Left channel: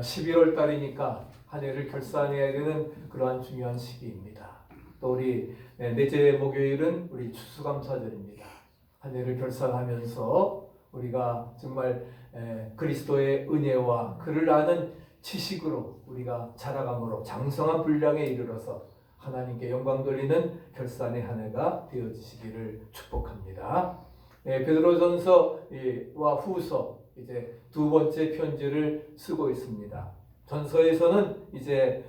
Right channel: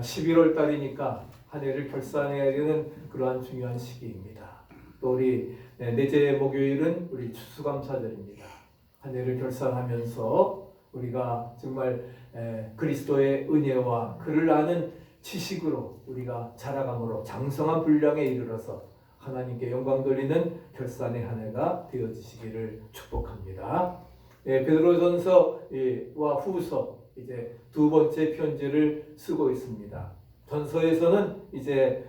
11월 달이니까 한 해를 결산해야 되는 그러한 중요한 시기입니다. 또 우리 넷째 목요일은 우리 추수감사절입니다. 한 해를 결산하면서 우리가 정말 그리스도의 은혜와 그를 아는 지식으로 우리가 자라감으로 장성한 분량에 이르러서 하나님께 영광 돌리는 결산의 한 해가 되어지시기를 축복합니다. 베드로전서와 후서 이제 두 번째 편지를 쓰고 있습니다. 전서에서는 이제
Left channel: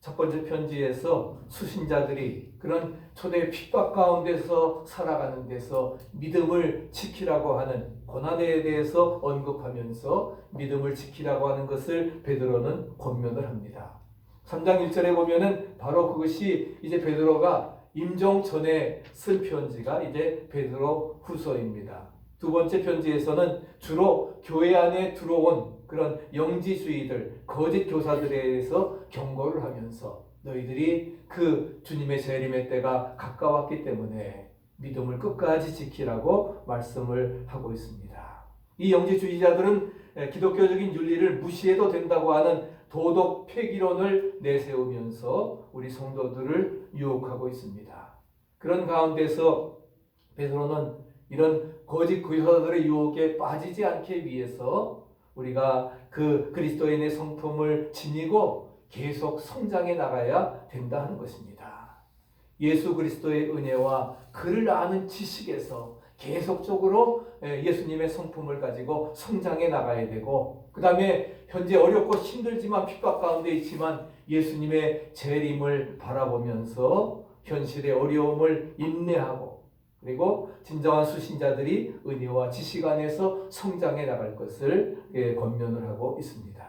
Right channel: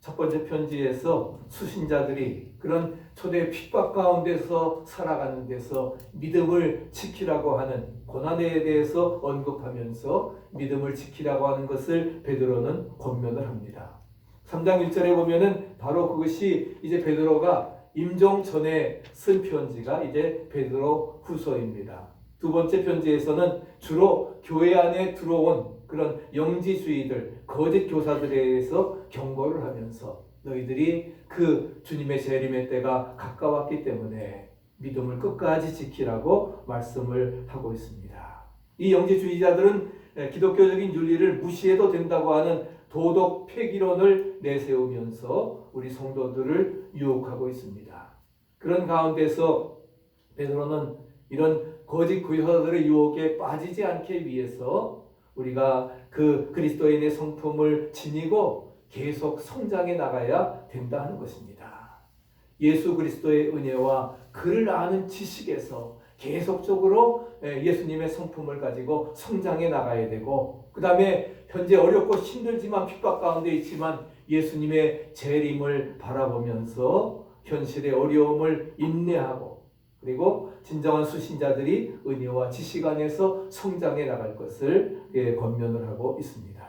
첫 번째 편지에서 수신자들이 그런 초대 핍박 가운데서 살아가는 데서 믿음을 지키라고 하는 고난에 대해서 언급하면서 믿음을 지키라고 하는 것을 베드로는 권면을 합니다. 3장 1절에 보면은 바로 그것이 이제 베드로가 임종 전에 쓴 편지가 이제 베드로 후서입니다. 두 번째 편지에서는 주로 교회 안에 들어온 그런 영지주의들, 거짓 교사들에 대해서 경고를 하면서 너희들이 그 주님의 재림의 때가 가까웠기 때문에 믿음을 끝까지 지키라고 말씀을 하고 있습니다. 이 영지주의자들은 기독교적인 윤리를 무시해도 된다고 하는 도덕 폐기론을 내세우면서 우리 성도들을 유혹하고 있습니다. 그런 가운데서 베드로는 이런 거짓 교사들의 유혹에 빠지지 않기 위해서 우리가 그 그리스도인의 성품을 지니고 계속 성장해 나가야 된다는 것입니다. 예수 그리스도의 은혜와 그를 아는 지식에서 계속적으로 예수님의 성품을 가지고 성장해 나가야 되고, 그 다음에 현재 어렵고 힘들지만 핍박 가운데 있지만 예수님의 재림을 바라보면서 현실의 어려움을 인내하고, 그리고 진정한 수신자들이 은혜와 지식 안에서 성장해 나갈 것을 권면을 하고 있습니다.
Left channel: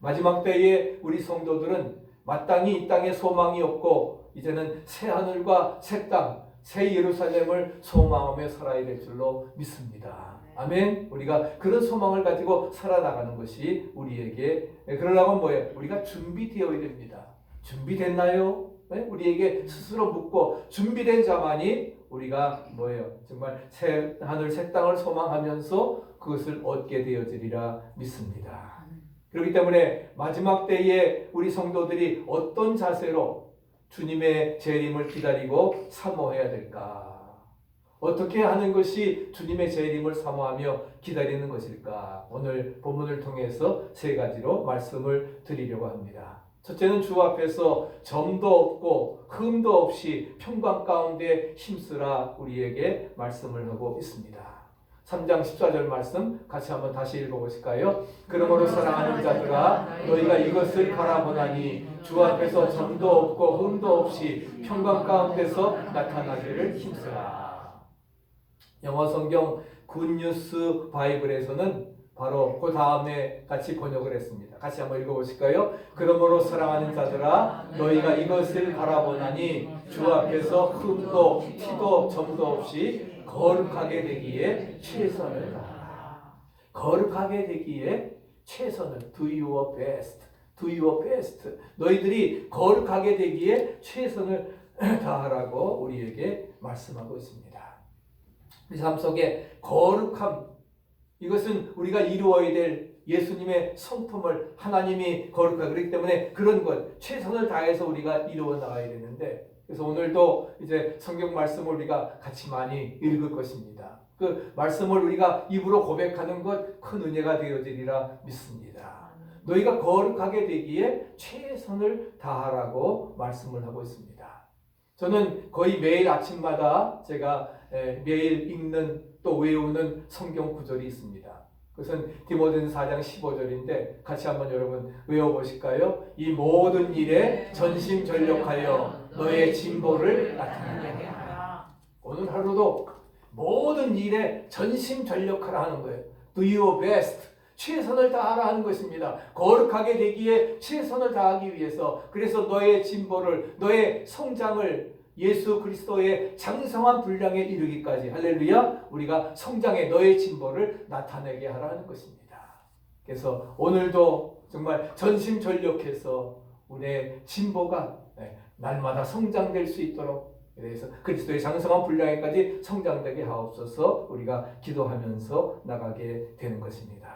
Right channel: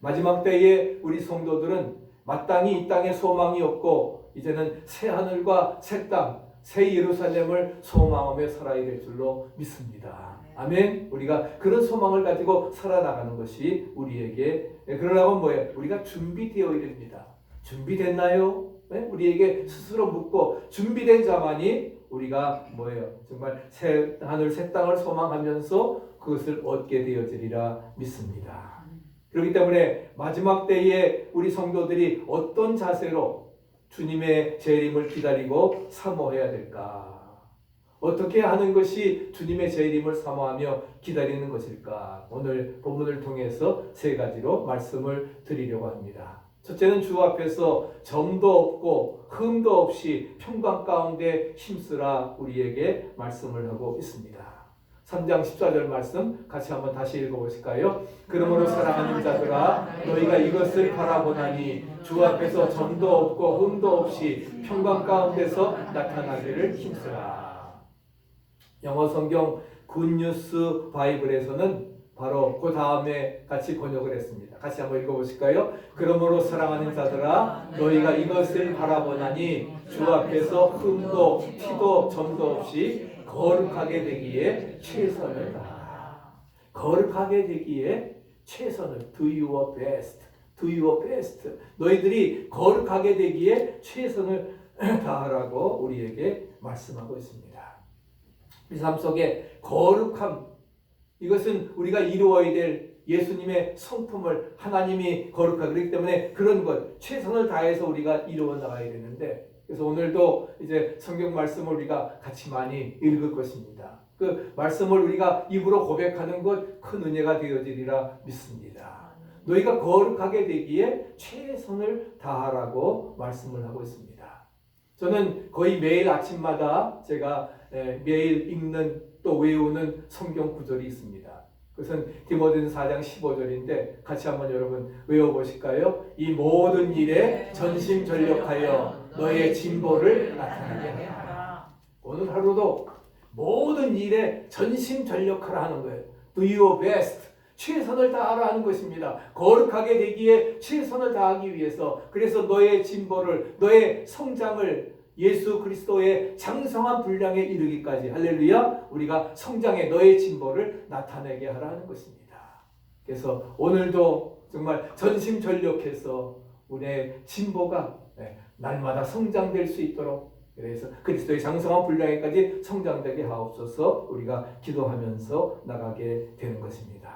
마지막 때에 우리 성도들은 마땅히 이 땅에 소망이 없고 이제는 새 하늘과 새 땅, 새 예루살렘을 소망하며 살아야 될 줄로 믿습니다. 아멘. 우리가 그런 소망을 가지고 살아나가는 것이 우리에게, 그러려면 뭐예요? 우리가 준비되어야 됩니다. 준비됐나요? 우리에게 스스로 묻고 준비된 자만이 우리가 뭐예요? 정말 새 하늘 새 땅을 소망하면서 그것을 얻게 되어지리라 믿습니다. 그렇기 때문에 마지막 때에 우리 성도들이 어떤 자세로 주님의 재림을 기다리고 사모해야 될까? 어떻게 하는 것이 주님의 재림을 사모하며 기다리는 것일까? 오늘 본문을 통해서 세 가지로 말씀을 드리려고 합니다. 첫째는 주 앞에서 점도 없고 흠도 없이 평강 가운데 힘쓰라 우리에게 말씀을 하고 있습니다. 3장 14절 말씀 같이 한번 다시 읽어보실까요? 그러므로 사랑하는 자들아 너희가 이것을 바라보나니 주 앞에서 점도 없고 흠도 없이 평강 가운데서 나타나기를 힘쓰라. 영어 성경 굿뉴스 바이블에서는 바로 그 다음에 같이 번역을 했습니다. 같이 한번 읽어보실까요? 그러므로 사랑하는 자들아 너희가 이것을 바라보나니 주 앞에서 흠도 티도 점도 없이 거룩하게 되기에 최선을 다하라. 거룩하게 되기에 최선을 do your best. do your best. 너희들이 거룩하게 되기에 최선을 다하라고 우리에게 말씀하고 있습니다. 우리 삶 속에 거룩함, 이것은 우리가 이루어야 될 예수님의 성품을 하나님이 거룩하기 그렇기 때문에 그런 것 최선을 다해서 우리가 이루어 나가야 되는데, 그래서 오늘도 이제 성경 말씀을 우리가 같이 많이 읽을 것입니다. 그 말씀을 우리가 입으로 고백하는 것 큰 은혜가 되어지리라 믿습니다. 너희가 거룩하게 되기에 최선을 다하라고 말씀을 하고 있습니다. 저는 거의 매일 아침마다 제가 매일 읽는 또 외우는 성경 구절이 있습니다. 그것은 디모데전서 4장 15절인데 같이 한번 여러분 외워보실까요? 이 모든 일에 전심전력하여 너의 진보를 나타내게 하라. 오늘 하루도 모든 일에 전심전력하라 하는 거예요. Do your best. 최선을 다하라 하는 것입니다. 거룩하게 되기에 최선을 다하기 위해서, 그래서 너의 진보를, 너의 성장을 예수 그리스도의 장성한 분량에 이르기까지 할렐루야 우리가 성장의 너의 진보를 나타내게 하라는 것입니다. 그래서 오늘도 정말 전심전력해서 우리의 진보가 날마다 성장될 수 있도록, 그래서 그리스도의 장성한 분량에까지 성장되게 하옵소서 우리가 기도하면서 나가게 되는 것입니다.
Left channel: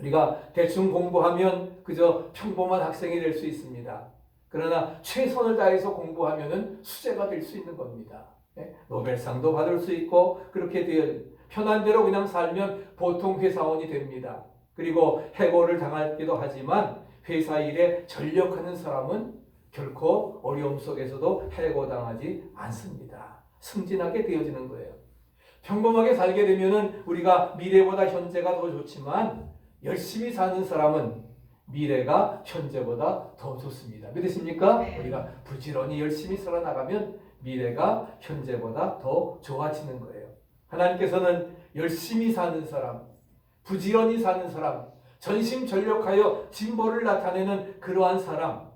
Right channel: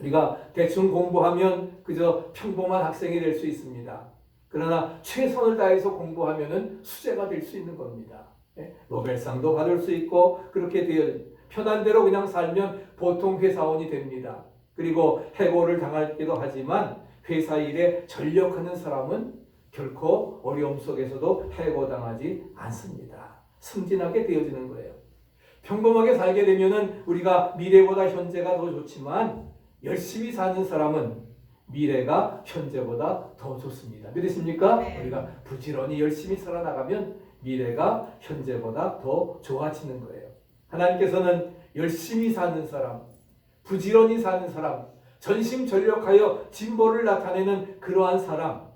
우리가 대충 공부하면 그저 평범한 학생이 될 수 있습니다. 그러나 최선을 다해서 공부하면은 수재가 될 수 있는 겁니다. 노벨상도 받을 수 있고 그렇게 되어 편한 대로 그냥 살면 보통 회사원이 됩니다. 그리고 해고를 당하기도 하지만 회사 일에 전력하는 사람은 결코 어려움 속에서도 해고당하지 않습니다. 승진하게 되어지는 거예요. 평범하게 살게 되면은 우리가 미래보다 현재가 더 좋지만 열심히 사는 사람은 미래가 현재보다 더 좋습니다. 믿으십니까? 네. 우리가 부지런히 열심히 살아나가면 미래가 현재보다 더 좋아지는 거예요. 하나님께서는 열심히 사는 사람, 부지런히 사는 사람, 전심전력하여 진보를 나타내는 그러한 사람,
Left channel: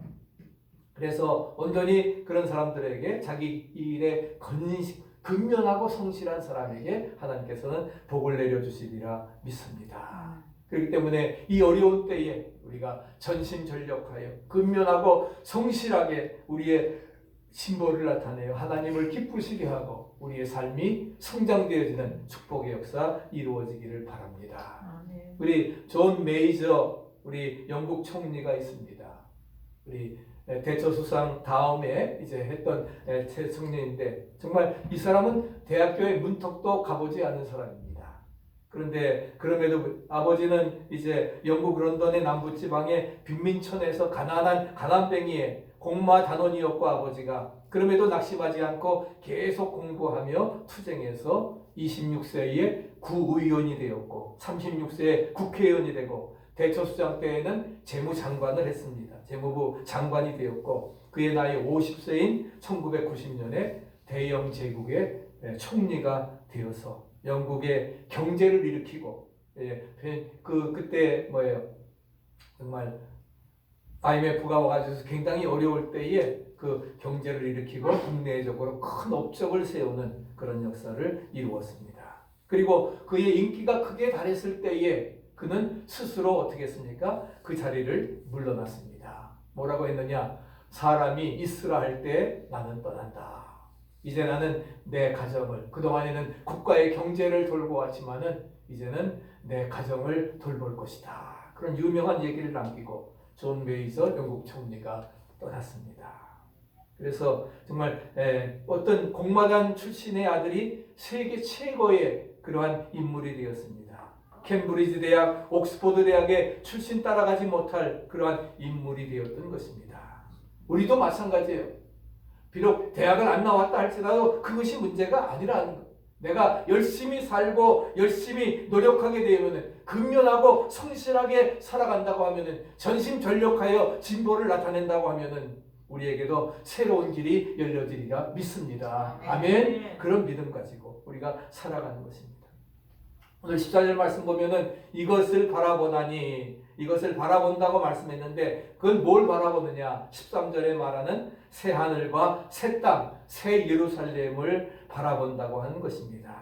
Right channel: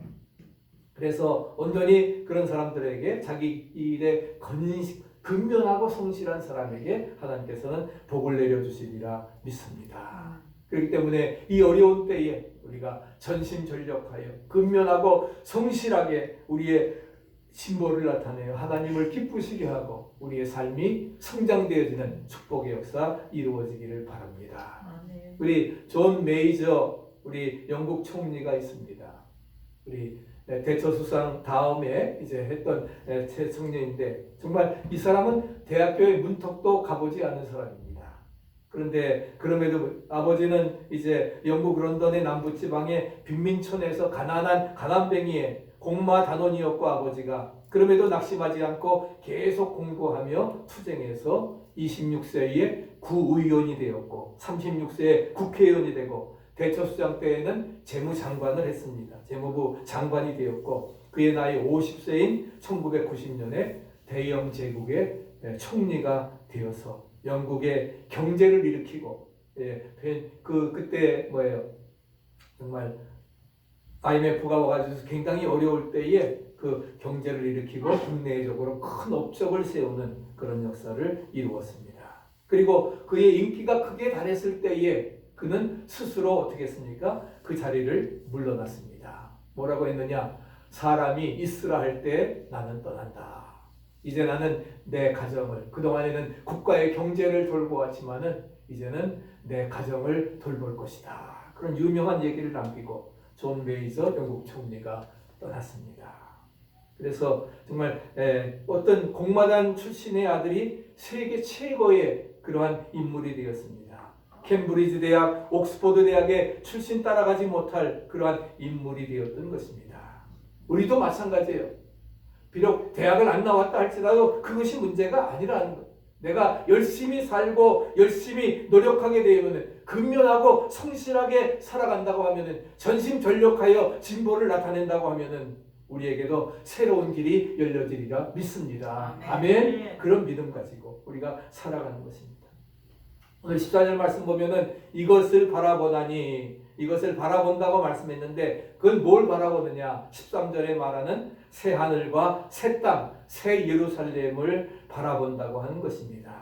그래서 온전히 그런 사람들에게 자기 일에 근면하고 성실한 사람에게 하나님께서는 복을 내려주시리라 믿습니다. 그렇기 때문에 이 어려운 때에 우리가 전심전력하여 근면하고 성실하게 우리의 진보를 나타내어 하나님을 기쁘시게 하고 우리의 삶이 성장되어지는 축복의 역사 이루어지기를 바랍니다. 우리 존 메이저 우리 영국 총리가 있습니다. 우리 대처수상 다음에 이제 했던 총리인데 정말 이 사람은 대학교의 문턱도 가보지 않은 사람입니다. 그런데 그럼에도 아버지는 이제 영국 런던의 남부지방의 빈민촌에서 가난한 가난뱅이의 공마 단원이었고 아버지가 그럼에도 낙심하지 않고 계속 공부하며 투쟁해서 26세에 구의원이 되었고 36세에 국회의원이 되고 대처수장 때에는 재무장관을 했습니다. 재무부 장관이 되었고 그의 나이 50세인 1990년에 대영 제국의 총리가 되어서 영국의 경제를 일으키고 그때 뭐예요? 정말 IMF가 와가지고 굉장히 어려울 때에 그 경제를 일으키고 국내적으로 큰 업적을 세우는 그런 역사를 이루었습니다. 그리고 그의 인기가 크게 달했을 때에 그는 스스로 어떻게 했습니까? 그 자리를 물러났습니다. 뭐라고 했느냐? 사람이 있으라 할 때 나는 떠난다. 이제 나는 내 가정을, 그동안에는 국가의 경제를 돌보 왔지만은 이제는 내 가정을 돌볼 것이다. 그런 유명한 얘기를 남기고 존 메이저 영국 총리가 떠났습니다. 그래서 정말 어떤 공마단 출신의 아들이 세계 최고의 그러한 인물이 되었습니다. 캠브리지 대학, 옥스퍼드 대학의 출신 따라가지 못할 그러한 인물이 되었던 것입니다. 우리도 마찬가지예요. 비록 대학을 안 나왔다 할지라도 그것이 문제가 아니라는 거예요. 내가 열심히 살고 열심히 노력하게 되면 근면하고 성실하게 살아간다고 하면 전심전력하여 진보를 나타낸다고 하면 우리에게도 새로운 길이 열려지리라 믿습니다. 아멘. 그런 믿음 가지고 우리가 살아가는 것입니다. 오늘 14절 말씀 보면은 이것을 바라보다니 이것을 바라본다고 말씀했는데 그건 뭘 바라보느냐? 13절에 말하는 새 하늘과 새 땅, 새 예루살렘을 바라본다고 하는 것입니다.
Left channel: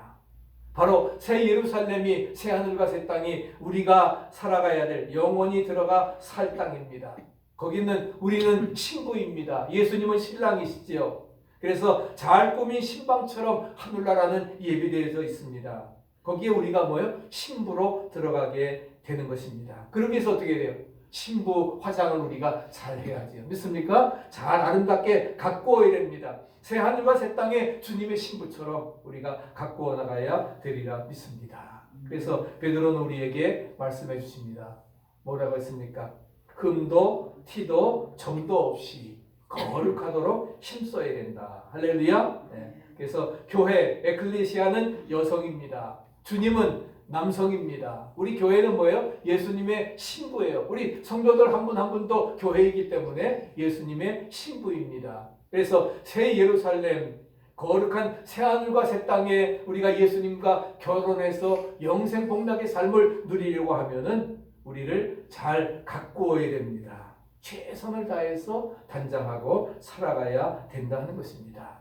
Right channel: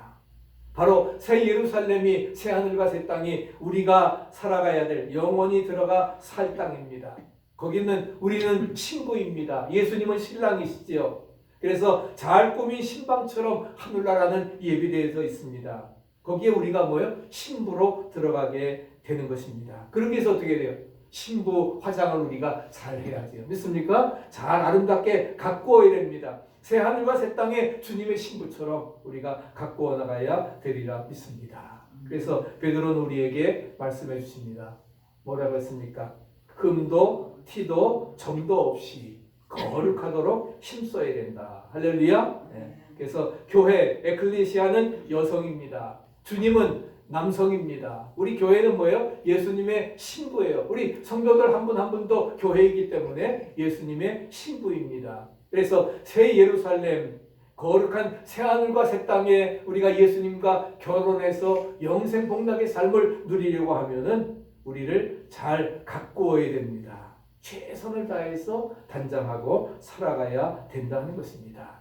바로 새 예루살렘이 새 하늘과 새 땅이 우리가 살아가야 될 영원히 들어가 살 땅입니다. 거기는 우리는 신부입니다. 예수님은 신랑이시지요. 그래서 잘 꾸민 신방처럼 하늘나라는 예비되어져 있습니다. 거기에 우리가 뭐예요? 신부로 들어가게 되는 것입니다. 그러기 위해서 어떻게 돼요? 신부 화장을 우리가 잘 해야죠. 믿습니까? 잘 아름답게 가꾸어야 됩니다. 새 하늘과 새 땅에 주님의 신부처럼 우리가 가꾸어 나가야 되리라 믿습니다. 그래서 베드로는 우리에게 말씀해 주십니다. 뭐라고 했습니까? 흠도 티도 정도 없이 거룩하도록 힘써야 된다. 할렐루야. 네. 그래서 교회, 에클레시아는 여성입니다. 주님은 남성입니다. 우리 교회는 뭐예요? 예수님의 신부예요. 우리 성도들 한 분 한 분도 교회이기 때문에 예수님의 신부입니다. 그래서 새 예루살렘, 거룩한 새 하늘과 새 땅에 우리가 예수님과 결혼해서 영생 복락의 삶을 누리려고 하면은 우리를 잘 가꾸어야 됩니다. 최선을 다해서 단장하고 살아가야 된다는 것입니다.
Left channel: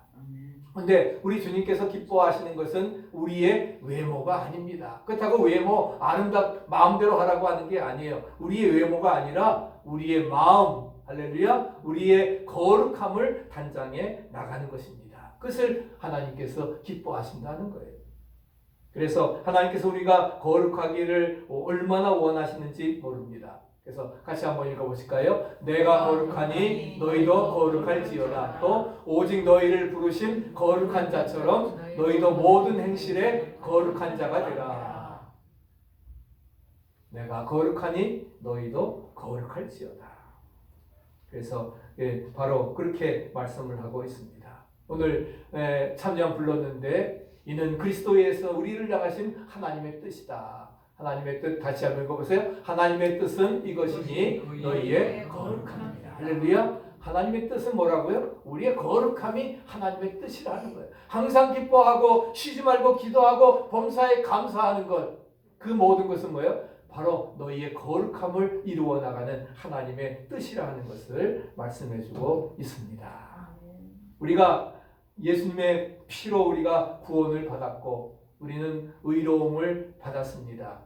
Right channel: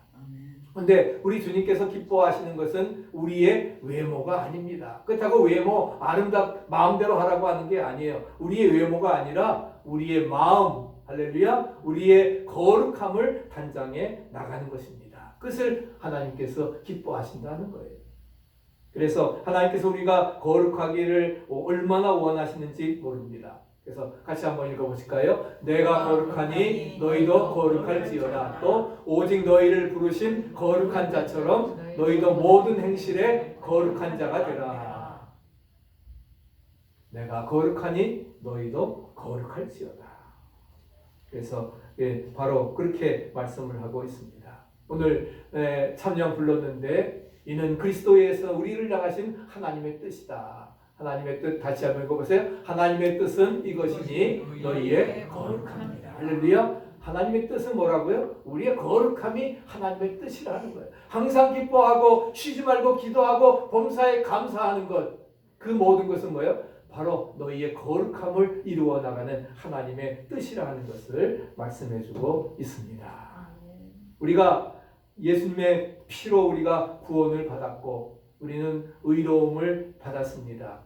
그런데 우리 주님께서 기뻐하시는 것은 우리의 외모가 아닙니다. 그렇다고 외모 마음대로 하라고 하는 게 아니에요. 우리의 외모가 아니라 우리의 마음, 할렐루야, 우리의 거룩함을 단장해 나가는 것입니다. 그것을 하나님께서 기뻐하신다는 거예요. 그래서 하나님께서 우리가 거룩하기를 얼마나 원하시는지 모릅니다. 그래서 같이 한번 읽어보실까요? 내가 거룩하니 너희도 거룩할지어다. 또 오직 너희를 부르신 거룩한 자처럼 너희도 모든 행실에 거룩한 자가 되라. 내가 거룩하니 너희도 거룩할지어다. 그래서 바로 그렇게 말씀을 하고 있습니다. 오늘 찬양 불렀는데 이는 그리스도에서 우리를 향하신 하나님의 뜻이다. 하나님의 뜻 다시 한번 읽어보세요. 하나님의 뜻은 이것이니 너희의 거룩함이다. 할렐루야. 하나님의 뜻은 뭐라고요? 우리의 거룩함이 하나님의 뜻이라는 거예요. 항상 기뻐하고 쉬지 말고 기도하고 범사에 감사하는 것, 그 모든 것은 뭐예요? 바로 너희의 거룩함을 이루어 나가는 하나님의 뜻이라는 것을 말씀해주고 있습니다. 우리가 예수님의 피로 우리가 구원을 받았고 우리는 의로움을 받았습니다.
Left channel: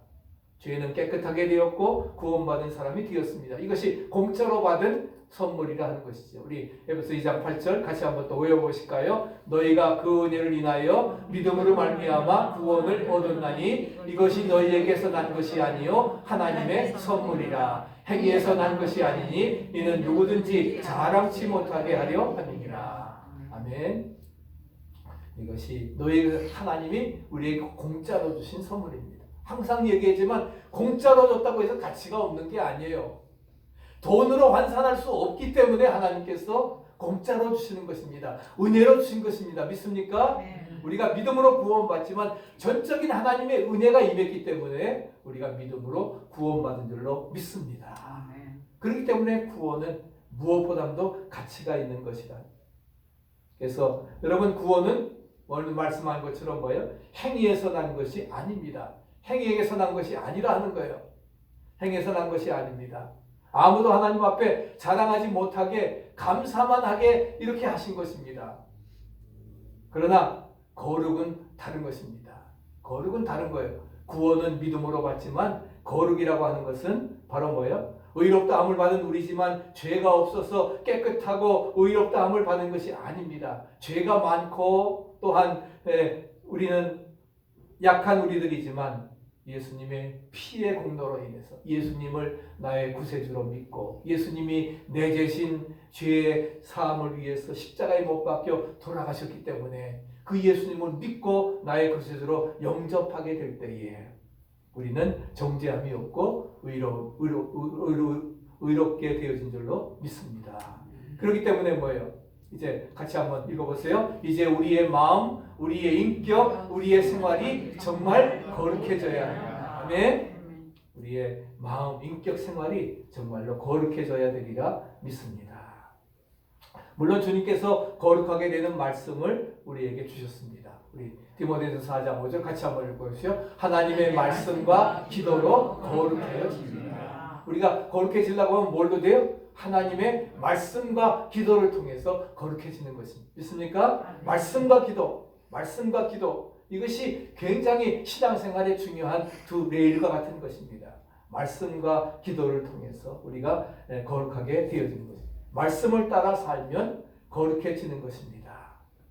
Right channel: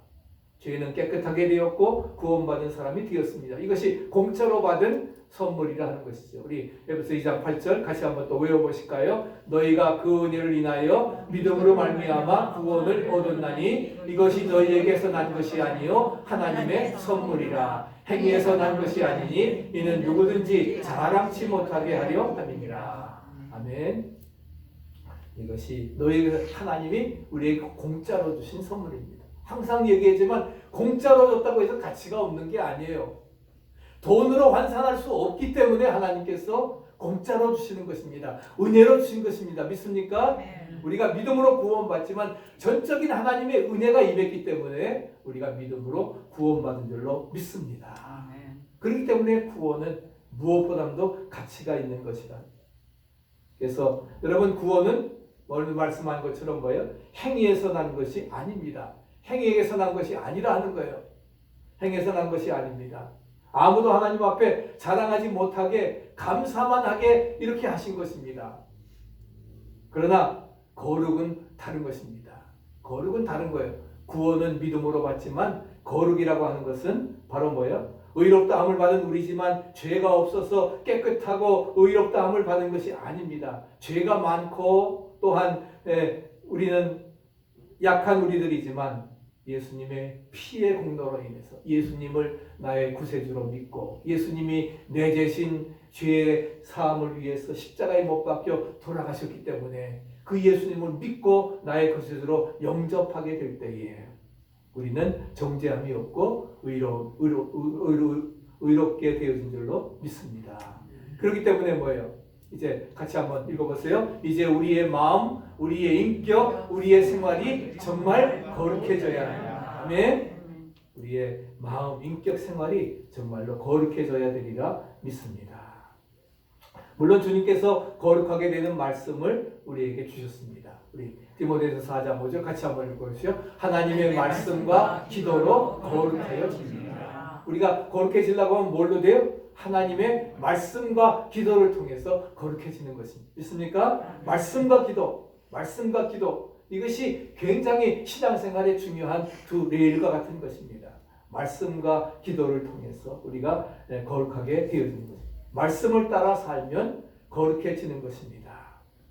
죄는 깨끗하게 되었고 구원받은 사람이 되었습니다. 이것이 공짜로 받은 선물이라 하는 것이죠. 우리 에베소 2장 8절 같이 한번 또 외워보실까요? 너희가 그 은혜를 인하여 믿음으로 말미암아 구원을 얻었나니 이것이 너희에게서 난 것이 아니요 하나님의 선물이라. 행위에서 난 것이 아니니 이는 누구든지 자랑치 못하게 하려 함이니라. 아멘. 이것이 너희 하나님이 우리에게 공짜로 주신 선물입니다. 항상 얘기하지만 공짜로 줬다고 해서 가치가 없는 게 아니에요. 돈으로 환산할 수 없기 때문에 하나님께서 공짜로 주시는 것입니다. 은혜로 주신 것입니다. 믿습니까? 우리가 믿음으로 구원받지만 전적인 하나님의 은혜가 임했기 때문에 우리가 믿음으로 구원받은 줄로 믿습니다. 그렇기 때문에 구원은 무엇보다도 가치가 있는 것이다. 그래서 여러분 구원은 오늘 말씀한 것처럼 뭐예요? 행위에서 난 것이 아닙니다. 행위에서 난 것이 아니라 하는 거예요. 행위에서 난 것이 아닙니다. 아무도 하나님 앞에 자랑하지 못하게 감사만 하게 이렇게 하신 것입니다. 그러나 거룩은 다른 것입니다. 거룩은 다른 거예요. 구원은 믿음으로 받지만 거룩이라고 하는 것은 바로 뭐예요? 의롭다함을 받은 우리지만 죄가 없어서 깨끗하고 의롭다함을 받은 것이 아닙니다. 죄가 많고 또한 우리는 약한 우리들이지만 예수님의 피의 공로로 인해서 예수님을 나의 구세주로 믿고 예수님이 내 대신 죄의 사함을 위해서 십자가에 못 박혀 돌아가셨기 때문에 그 예수님을 믿고 나의 구세주로 영접하게 될 때에 우리는 정죄함이 없고 의롭게 되어진 줄로 믿습니다. 그렇기 때문에 뭐예요? 이제 같이 한번 읽어보세요. 이제 우리의 마음, 우리의 인격, 우리의 생활이 정말 거룩해져야 합니다. 아멘. 우리의 마음, 인격, 생활이 정말로 거룩해져야 되리라 믿습니다. 물론 주님께서 거룩하게 되는 말씀을 우리에게 주셨습니다. 우리 디모데전서 4장 5절 같이 한번 읽어보시죠. 하나님의 말씀과 기도로 거룩해집니다. 우리가 거룩해지려고 하면 뭘로 돼요? 하나님의 말씀과 기도를 통해서 거룩해지는 것입니다. 믿습니까? 말씀과 기도 이것이 굉장히 신앙생활에 중요한 두 레일과 같은 것입니다. 말씀과 기도를 통해서 우리가 거룩하게 되어지는 것입니다. 말씀을 따라 살면 거룩해지는 것입니다.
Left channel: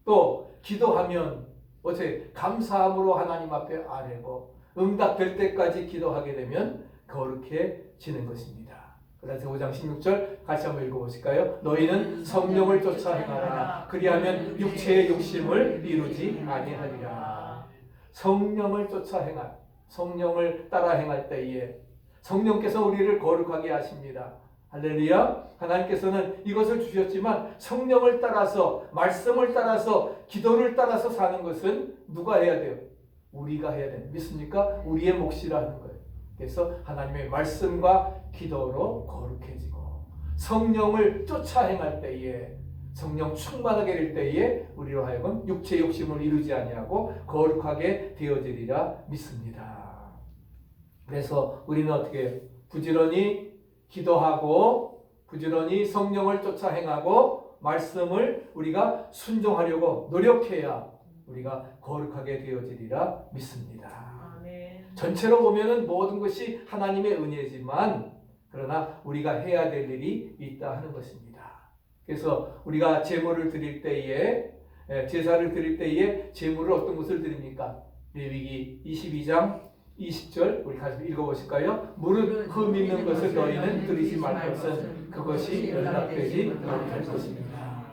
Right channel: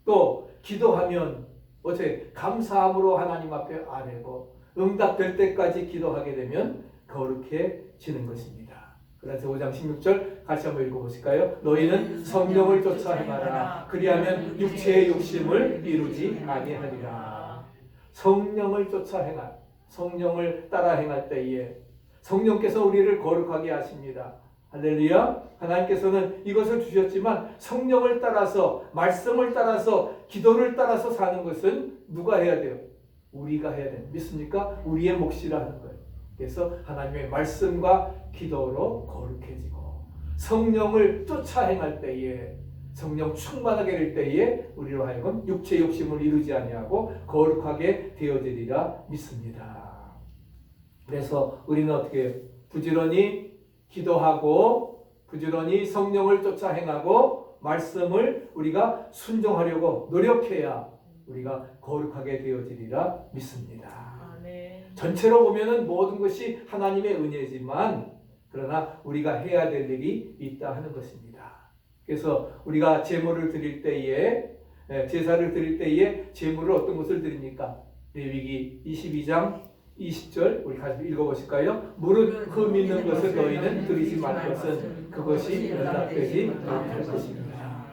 또 기도하면 어째 감사함으로 하나님 앞에 아뢰고 응답될 때까지 기도하게 되면 거룩해지는 것입니다. 그래서 5장 16절 같이 한번 읽어보실까요? 너희는 성령을 쫓아 행하라. 그리하면 육체의 욕심을 이루지 아니하리라. 성령을 쫓아 행할, 성령을 따라 행할 때에 성령께서 우리를 거룩하게 하십니다. 할렐루야. 하나님께서는 이것을 주셨지만 성령을 따라서 말씀을 따라서 기도를 따라서 사는 것은 누가 해야 돼요? 우리가 해야 돼요. 믿습니까? 우리의 몫이라는 거예요. 그래서 하나님의 말씀과 기도로 거룩해지고 성령을 쫓아 행할 때에 성령 충만하게 될 때에 우리로 하여금 육체 욕심을 이루지 아니하고 거룩하게 되어지리라 믿습니다. 그래서 우리는 어떻게 부지런히 기도하고 부지런히 성령을 쫓아 행하고 말씀을 우리가 순종하려고 노력해야 우리가 거룩하게 되어지리라 믿습니다. 전체로 보면은 모든 것이 하나님의 은혜지만 그러나 우리가 해야 될 일이 있다 하는 것입니다. 그래서 우리가 제물을 드릴 때에 제사를 드릴 때에 제물을 어떤 것을 드립니까? 레위기 22장 20절 우리 같이 읽어보실까요? 무릇 흠 있는 것을 너희는 드리지 말 것은 그것이 연락되지 못할 것입니다.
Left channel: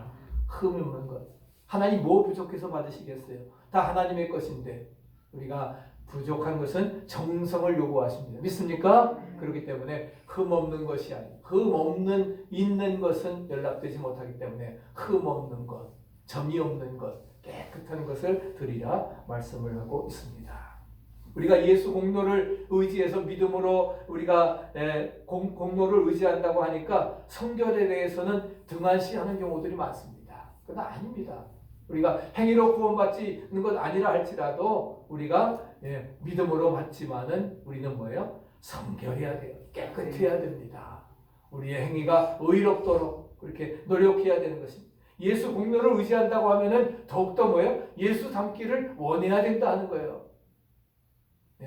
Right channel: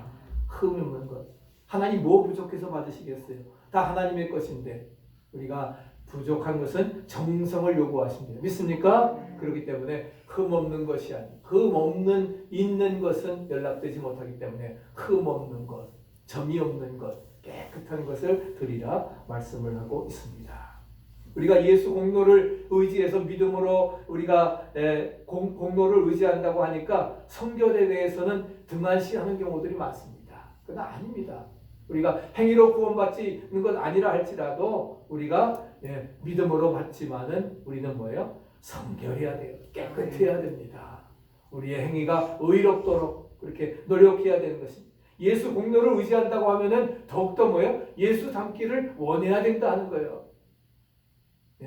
흠 있는 것. 하나님 뭐 부족해서 받으시겠어요? 다 하나님의 것인데 우리가 부족한 것은 정성을 요구하십니다. 믿습니까? 그렇기 때문에 흠 없는 것이 아니고 흠 없는 있는 것은 연락되지 못하기 때문에 흠 없는 것, 점이 없는 것, 깨끗한 것을 드리라 말씀을 하고 있습니다. 우리가 예수 공로를 의지해서 믿음으로 우리가 공로를 의지한다고 하니까 성결에 대해서는 등한시하는 경우들이 많습니다. 그건 아닙니다. 우리가 행위로 구원받지 있는 것 아니라 할지라도 우리가 믿음으로 받지만은 우리는 뭐예요? 성결해야 돼요. 깨끗해야 됩니다. 우리의 행위가 의롭도록 그렇게 노력해야 되는 것입니다. 예수 공로를 의지한다고 하면은 더욱더 뭐예요? 예수 닮기를 원해야 된다는 거예요.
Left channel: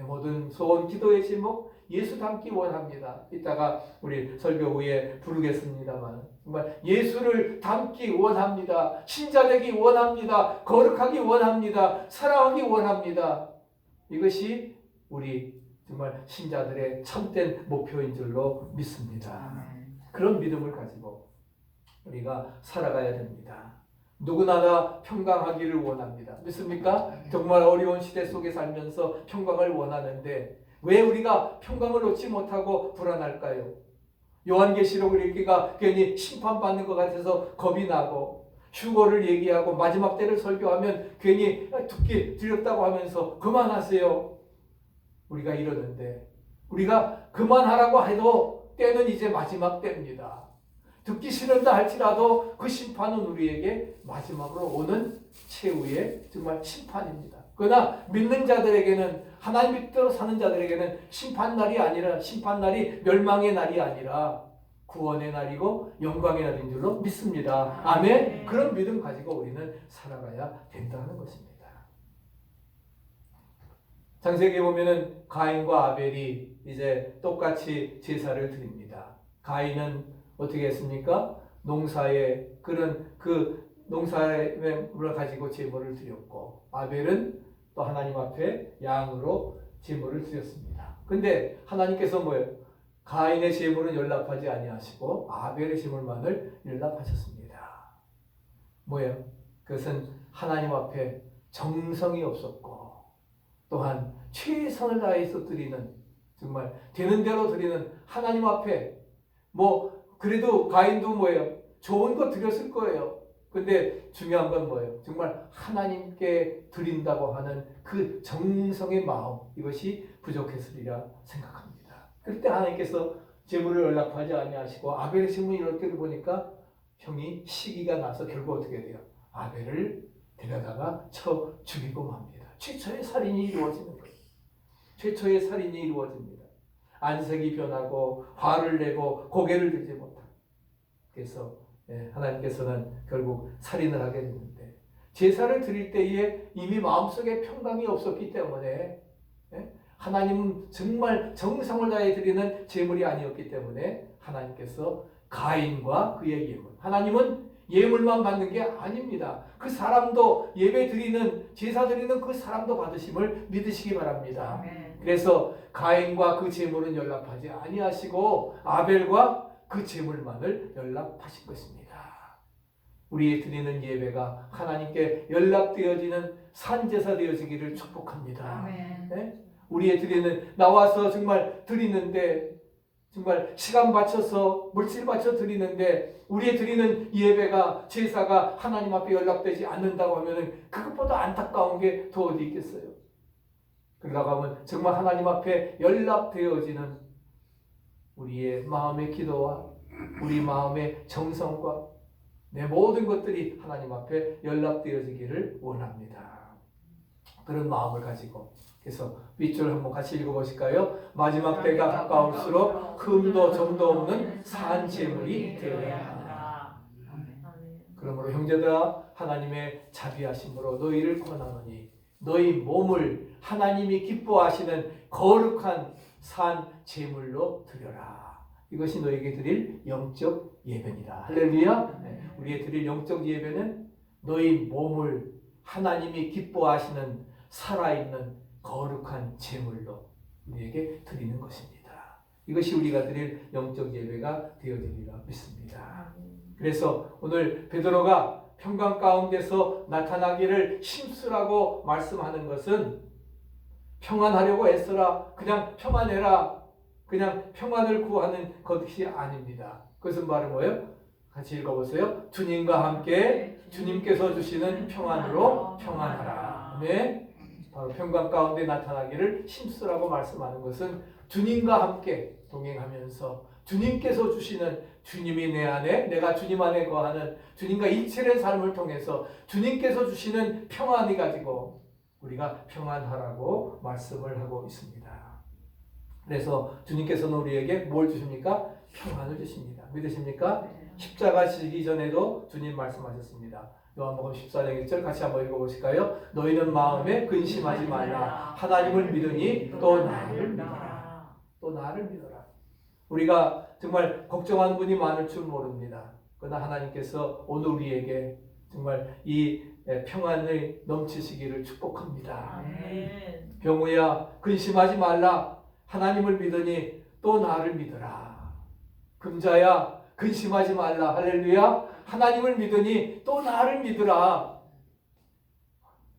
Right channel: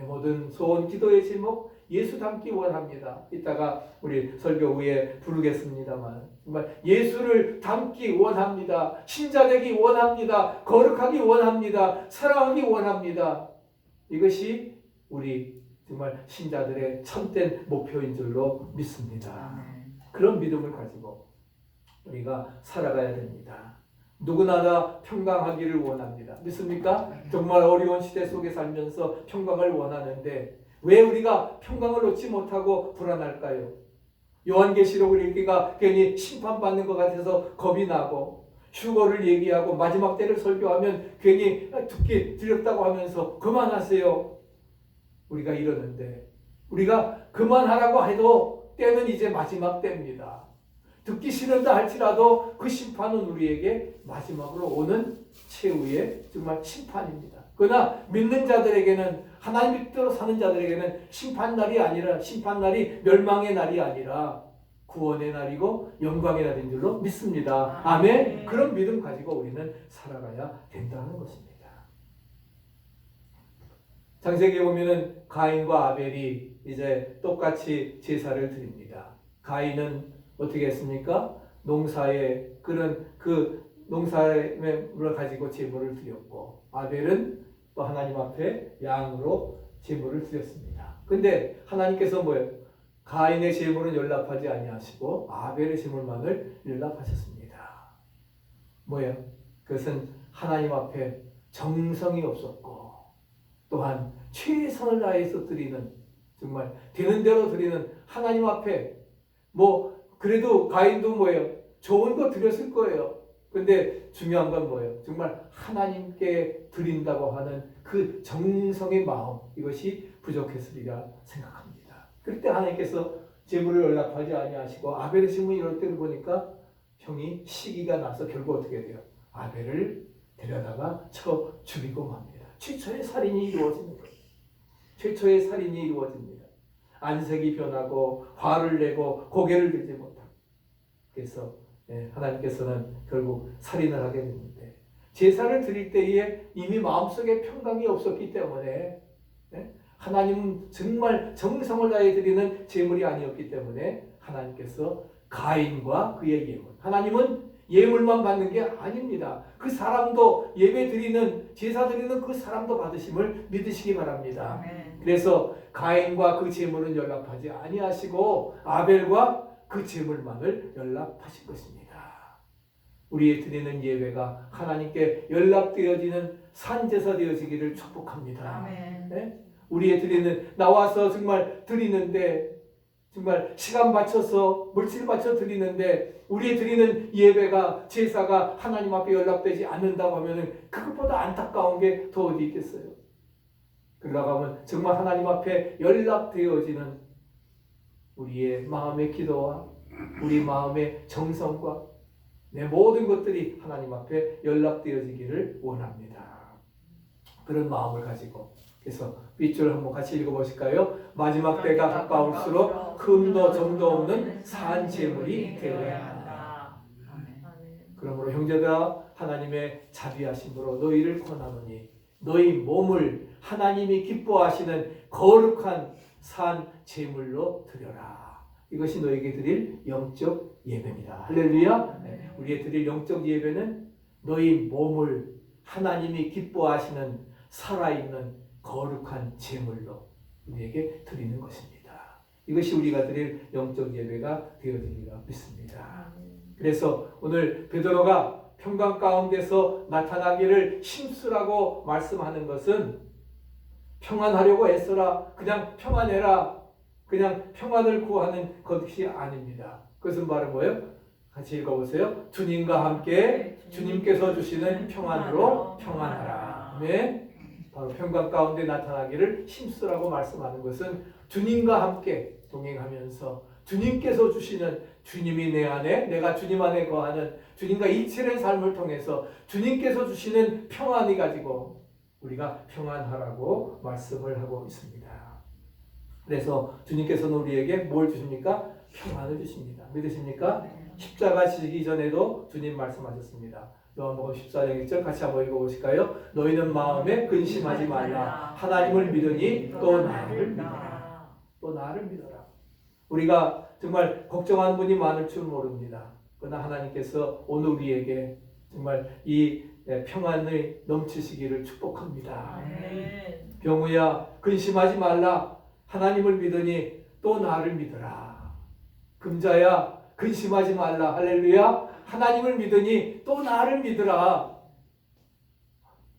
모든 소원 기도의 제목 예수 닮기 원합니다. 이따가 우리 설교 후에 부르겠습니다만 정말 예수를 닮기 원합니다. 신자 되기 원합니다. 거룩하기 원합니다. 사랑하기 원합니다. 이것이 우리 정말 신자들의 참된 목표인 줄로 믿습니다. 그런 믿음을 가지고 우리가 살아가야 됩니다. 누구나 다 평강하기를 원합니다. 믿습니까? 정말 어려운 시대 속에 살면서 평강을 원하는데 왜 우리가 평강을 얻지 못하고 불안할까요? 요한계시록을 읽기가 괜히 심판받는 것 같아서 겁이 나고 휴거를 얘기하고 마지막 때를 설교하면 괜히 듣기 두렵다고 하면서 그만하세요. 우리가 이러는데 우리가 그만하라고 해도 때는 이제 마지막 때입니다. 듣기 싫은다 할지라도 그 심판은 우리에게 마지막으로 오는 최후의 정말 심판입니다. 그러나 믿는 자들에게는 하나님 뜻대로 사는 자들에게는 심판날이 아니라 심판날이 멸망의 날이 아니라 구원의 날이고 영광의 날인 줄로 믿습니다. 아멘. 그런 믿음 가지고 우리는 살아가야 된다는 것입니다. 창세기에 보면은 가인과 아벨이 이제 똑같이 제사를 드립니다. 가인은 어떻게 했습니까? 농사에 그런 그 농사의 물을 가지고 제물을 드렸고 아벨은 또 하나님 앞에 양으로 제물을 드렸습니다. 근데 하나님께서 뭐예요? 가인의 제물은 연락하지 아니하시고 아벨의 제물만을 연락하셨습니다. 뭐예요? 그것은 하나님 앞에 정성이 없었고 또한 최선을 다해서 드리는 정말 되는 대로 드리는 하나님 앞에 그래도 가인도 뭐예요? 좋은 거 드렸을 거예요. 근데 중요한 건 뭐예요? 정말 하나님께 드린다고 하는 그 정성의 마음 이것이 부족했으리라 생각합니다. 그럴 때 하나님께서 제물을 연락하지 아니하시고 아벨의 신문이 이럴 때를 보니까 형이 시기가 나서 결국 어떻게 돼요? 아벨을 데려다가 쳐 죽이고 맙니다. 최초의 살인이 이루어지는 거예요. 최초의 살인이 이루어집니다. 안색이 변하고 화를 내고 고개를 들지 못하고 그래서 하나님께서는 결국 살인을 하게 됐는데 제사를 드릴 때에 이미 마음속에 평강이 없었기 때문에 하나님은 정말 정성을 다해 드리는 제물이 아니었기 때문에 하나님께서 가인과 그의 예물 하나님은 예물만 받는 게 아닙니다. 그 사람도 예배 드리는 제사 드리는 그 사람도 받으심을 믿으시기 바랍니다. 그래서 가인과 그 제물은 연락하지 아니하시고 아벨과 그 제물만을 연락하신 것입니다. 우리 드리는 예배가 하나님께 연락되어지는 산제사 되어지기를 축복합니다. 네? 우리의 드리는 나와서 정말 드리는데 정말 시간 바쳐서 물질 바쳐 드리는데 우리의 드리는 예배가 제사가 하나님 앞에 연락되지 않는다고 하면은 그것보다 안타까운 게 더 어디 있겠어요? 그러다가 하면 정말 하나님 앞에 연락되어지는 우리의 마음의 기도와 우리 마음의 정성과 내 모든 것들이 하나님 앞에 연락되어지기를 원합니다. 그런 마음을 가지고 그래서 윗줄 한번 같이 읽어보실까요? 마지막 때가 가까울수록 흠도 점도 없는 산 제물이 되어야 한다. 그러므로 형제들아 하나님의 자비하심으로 너희를 권하노니 너희 몸을 하나님이 기뻐하시는 거룩한 산 제물로 드려라. 이것이 너에게 드릴 영적 예배입니다. 할렐루야. 우리의 드릴 영적 예배는 너희 몸을 하나님이 기뻐하시는 살아있는 거룩한 제물로 우리에게 드리는 것입니다. 이것이 우리가 드릴 영적 예배가 되어지리라 믿습니다. 그래서 오늘 베드로가 평강 가운데서 나타나기를 힘쓰라고 말씀하는 것은 평안하려고 애써라, 그냥 평안해라, 그냥 평안을 구하는 것이 아닙니다. 그것은 바로 뭐예요? 같이 읽어보세요. 주님과 함께 주님께서 주시는 평안으로 평안하라. 아멘. 바로 평강 가운데 나타나기를 힘쓰라고 말씀하는 것은 주님과 함께 동행하면서 주님께서 주시는, 주님이 내 안에, 내가 주님 안에 거하는 주님과 일체의 삶을 통해서 주님께서 주시는 평안이 가지고 우리가 평안하라고 말씀을 하고 있습니다. 그래서 주님께서는 우리에게 뭘 주십니까? 평안을 주십니다. 믿으십니까? 십자가 지기 전에도 주님 말씀하셨습니다. 요한복음 14장 1절 같이 한번 읽어보실까요? 너희는 마음에 근심하지 말라. 하나님을 믿으니 또 나를 믿어라. 또 나를 믿어라. 우리가 정말 걱정하는 분이 많을 줄 모릅니다. 그러나 하나님께서 오늘 우리에게 정말 이 평안을 넘치시기를 축복합니다. 아멘. 병우야, 근심하지 말라. 하나님을 믿으니 또 나를 믿어라. 금자야, 근심하지 말라. 할렐루야. 하나님을 믿으니 또 나를 믿으라.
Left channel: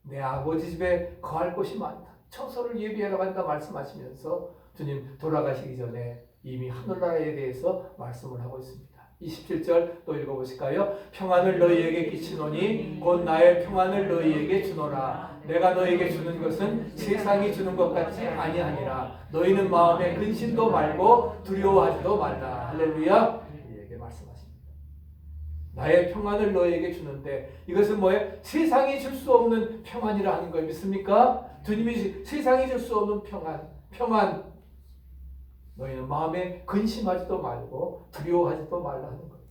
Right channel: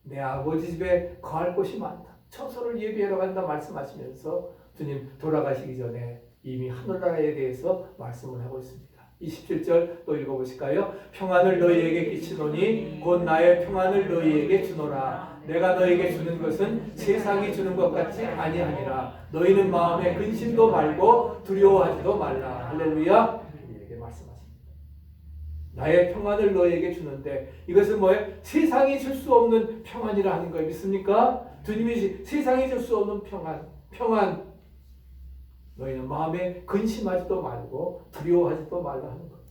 내 아버지 집에 거할 곳이 많다. 처소를 예비하러 간다 말씀하시면서 주님 돌아가시기 전에 이미 하늘나라에 대해서 말씀을 하고 있습니다. 27절 또 읽어보실까요? 평안을 너희에게 끼치노니 곧 나의 평안을 너희에게 주노라. 내가 너희에게 주는 것은 세상이 주는 것 같지 아니하니라. 너희는 마음에 근심도 말고 두려워하지도 말라. 할렐루야. 우리에게 말씀하십니다. 나의 평안을 너희에게 주는데 이것은 뭐예요? 세상이 줄 수 없는 평안이라 하는 거예요. 믿습니까? 주님이 세상이 줄 수 없는 평안. 너희는 마음에 근심하지도 말고 두려워하지도 말라 하는 거예요.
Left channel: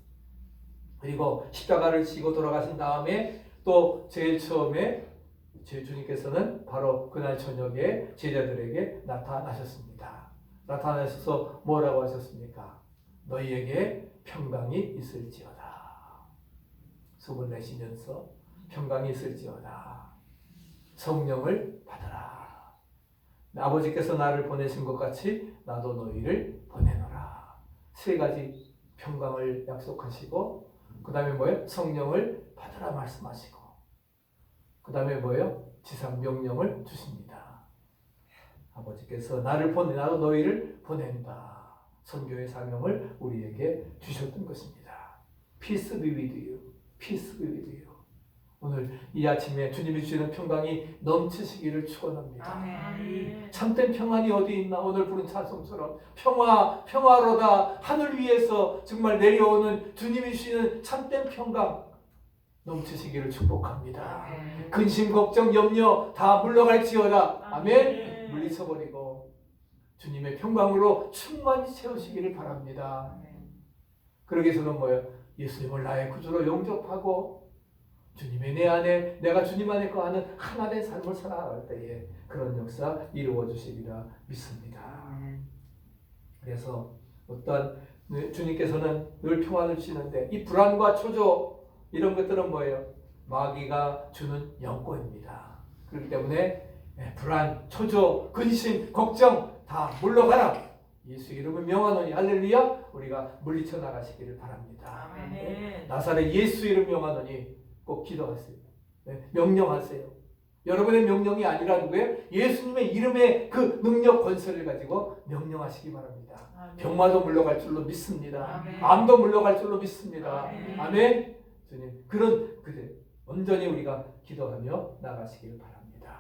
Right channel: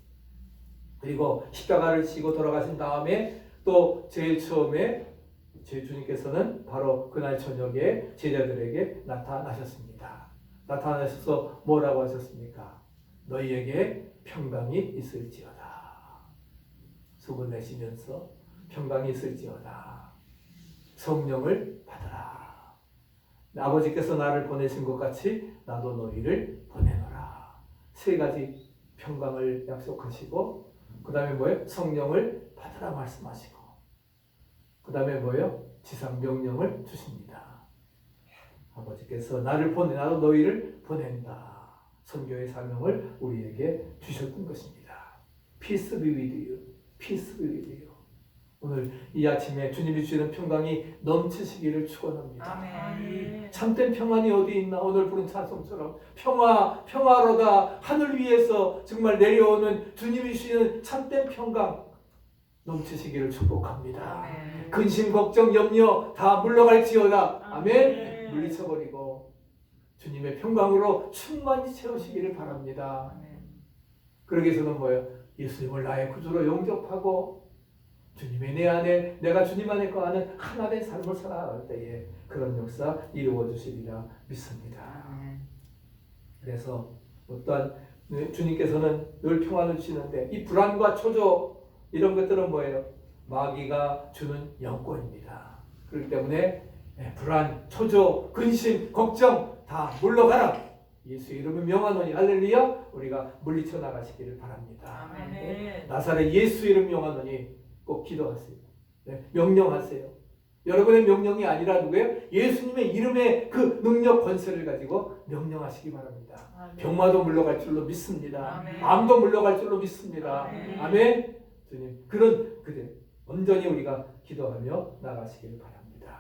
그리고 십자가를 지고 돌아가신 다음에 또 제일 처음에 제 주님께서는 바로 그날 저녁에 제자들에게 나타나셨습니다. 나타나셔서 뭐라고 하셨습니까? 너희에게 평강이 있을지어다. 숨을 내쉬면서 평강이 있을지어다. 성령을 받아라. 아버지께서 나를 보내신 것 같이 나도 너희를 보내노라. 세 가지 평강을 약속하시고 그 다음에 뭐예요? 성령을 받으라 말씀하시고 그 다음에 뭐예요? 지상 명령을 주십니다. 아버지께서 나를 보내, 나도 너희를 보낸다. 선교의 사명을 우리에게 주셨던 것입니다. Peace be with you. Peace be with you. 오늘 이 아침에 주님이 주시는 평강이 넘치시기를 축원합니다. 아멘. 참된 평안이 어디 있나? 오늘 부른 찬송처럼 평화로다. 하늘 위에서 정말 내려오는 주님이 주시는 참된 평강 넘치시기를 축복합니다. 아멘. 근심, 걱정, 염려 다 물러갈지어다. 아멘. 아멘. 물리쳐버리고 주님의 평강으로 충만히 채우시기를 바랍니다. 그러기 위해서는 뭐예요? 예수님을 나의 구주로 영접하고 주님의 내 안에, 내가 주님 안에 거하는 하나된 삶을 살아갈 때에 그런 역사 이루어 주시리라 믿습니다. 그래서 어떠한 주님께서는 늘 평안을 주시는데 이 불안과 초조 이런 것들은 뭐예요? 마귀가 주는 영권입니다. 그렇기 때문에 불안, 초조, 근심, 걱정 다 물러가라. 예수 이름은 명하노니 할렐루야. 우리가 물리쳐 나가시기를 바랍니다. 아멘. 나사렛 예수 이름 명하노니 꼭 기도하세요. 명령하세요. 여러분의 명령이 아니라 누구예요? 예수님의 이름의 그 능력 권세를 가지고 명령하시기 바랍니다. 아멘. 병마도 물러갈 줄로 믿습니다. 아멘. 암도 물러갈 줄로 믿습니다. 아멘. 아멘. 주님 그런 온전히 우리가 기도하며 나가시기를 바랍니다.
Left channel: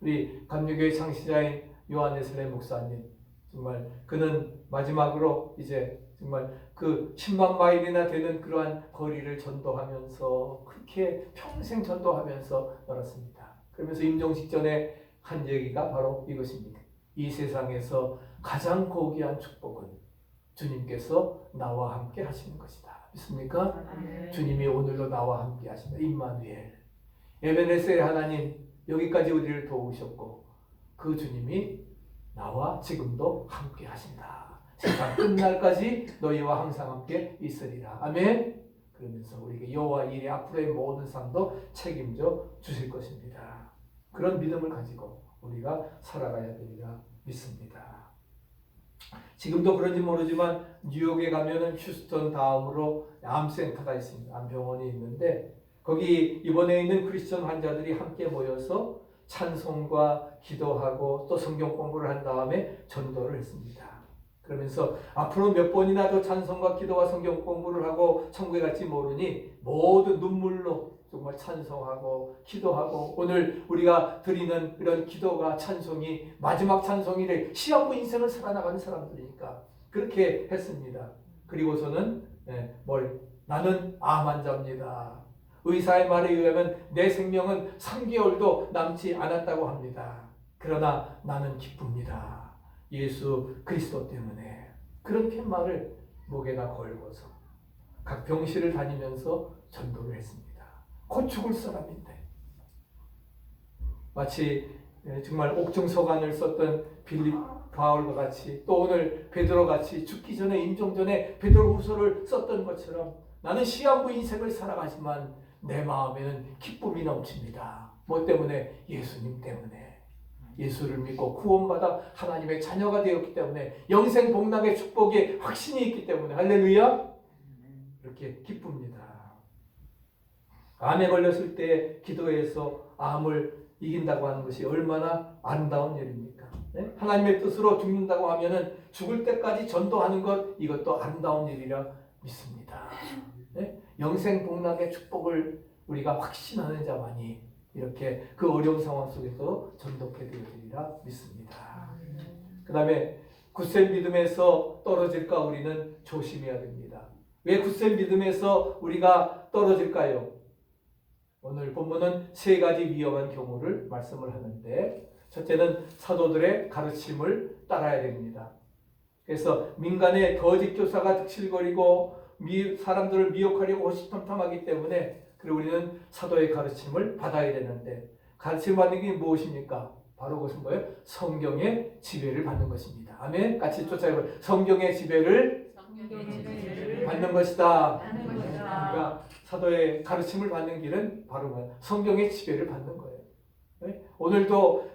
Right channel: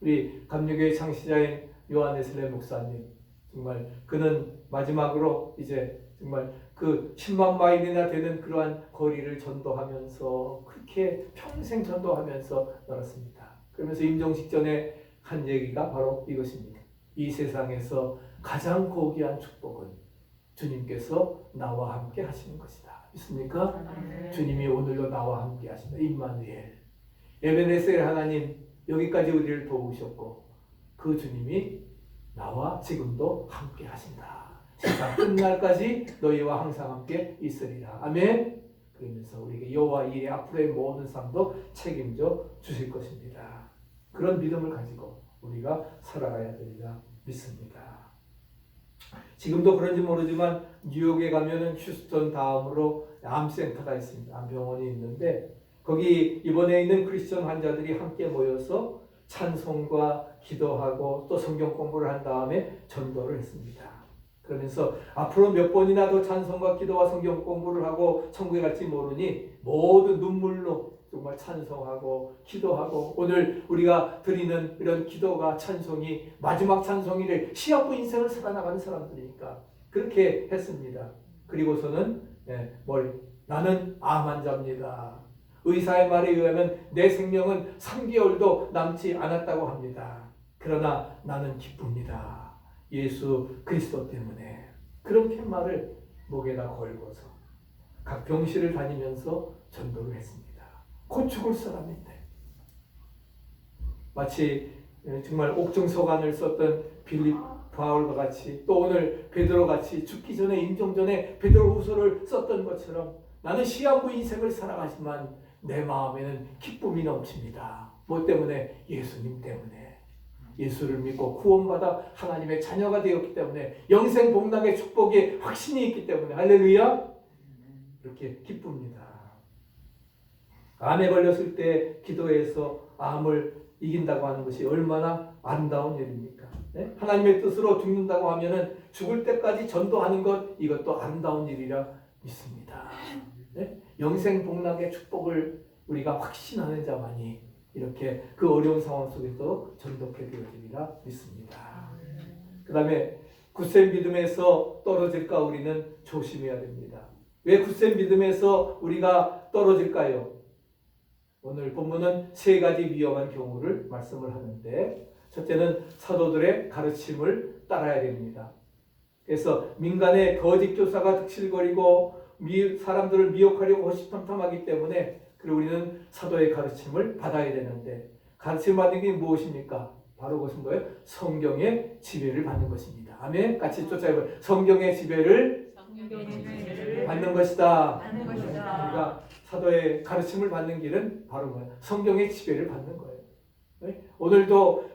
우리 감리교회 창시자인 요한 웨슬레 목사님 정말 그는 마지막으로 이제 정말 그 10만 마일이나 되는 그러한 거리를 전도하면서 그렇게 평생 전도하면서 살았습니다. 그러면서 임종식 전에 한 얘기가 바로 이것입니다. 이 세상에서 가장 고귀한 축복은 주님께서 나와 함께 하시는 것이다. 믿습니까? 아멘. 주님이 오늘도 나와 함께 하신다. 임마누엘. 에베네셀의 하나님 여기까지 우리를 도우셨고 그 주님이 나와 지금도 함께 하신다. 세상 끝날까지 너희와 항상 함께 있으리라. 아멘. 그러면서 우리에게 여호와 일의 앞으로의 모든 삶도 책임져 주실 것입니다. 그런 믿음을 가지고 우리가 살아가야 되리라 믿습니다. 지금도 그런지 모르지만 뉴욕에 가면은 휴스턴 다음으로 암센터가 있습니다. 암병원이 있는데 거기 입원해 있는 크리스천 환자들이 함께 모여서 찬송과 기도하고 또 성경 공부를 한 다음에 전도를 했습니다. 그러면서 앞으로 몇 번이나 더 찬송과 기도와 성경 공부를 하고 천국에 갈지 모르니 모두 눈물로 정말 찬송하고 기도하고 오늘 우리가 드리는 이런 기도가 찬송이 마지막 찬송이래. 시한부 인생을 살아나가는 사람들이니까 그렇게 했습니다. 그리고서는 나는 암 환자입니다. 의사의 말에 의하면 내 생명은 3개월도 남지 않았다고 합니다. 그러나 나는 기쁩니다. 예수 그리스도 때문에. 그렇게 말을 목에다 걸고서 각 병실을 다니면서 전도를 했습니다. 곧 죽을 사람인데 마치 정말 옥중서관을 썼던 빌립 바울과 같이 또 오늘 베드로 같이 죽기 전에 임종전에 베드로후서를 썼던 것처럼 나는 시한부 인생을 살아가지만 내 마음에는 기쁨이 넘칩니다. 뭐 때문에? 예수님 때문에. 예수를 믿고 구원받아 하나님의 자녀가 되었기 때문에 영생 복락의 축복에 확신이 있기 때문에 할렐루야 이렇게 기쁩니다. 암에 걸렸을 때 기도해서 암을 이긴다고 하는 것이 얼마나 아름다운 일입니까? 네? 하나님의 뜻으로 죽는다고 하면은 죽을 때까지 전도하는 것 이것도 아름다운 일이라 믿습니다. 네? 영생 복락의 축복을 우리가 확신하는 자만이 이렇게 그 어려운 상황 속에서 전도케 되어지리라 믿습니다. 그 다음에 굳센 믿음에서 떨어질까 우리는 조심해야 됩니다. 왜 굳센 믿음에서 우리가 떨어질까요? 오늘 본문은 3가지 위험한 경우를 말씀을 하는데 첫째는 사도들의 가르침을 따라야 됩니다. 그래서 민간의 거짓 교사가 득실거리고 사람들을 미혹하려고 호시탐탐하기 때문에 그리고 우리는 사도의 가르침을 받아야 되는데 가르침을 받는 게 무엇입니까? 바로 그것은 뭐예요? 성경의 지배를 받는 것입니다. 아멘. 같이 쫓아요. 성경의 지배를 받는 것이다. 우리가 사도의 가르침을 받는 길은 바로 뭐예요? 성경의 지배를 받는 거예요. 네? 오늘도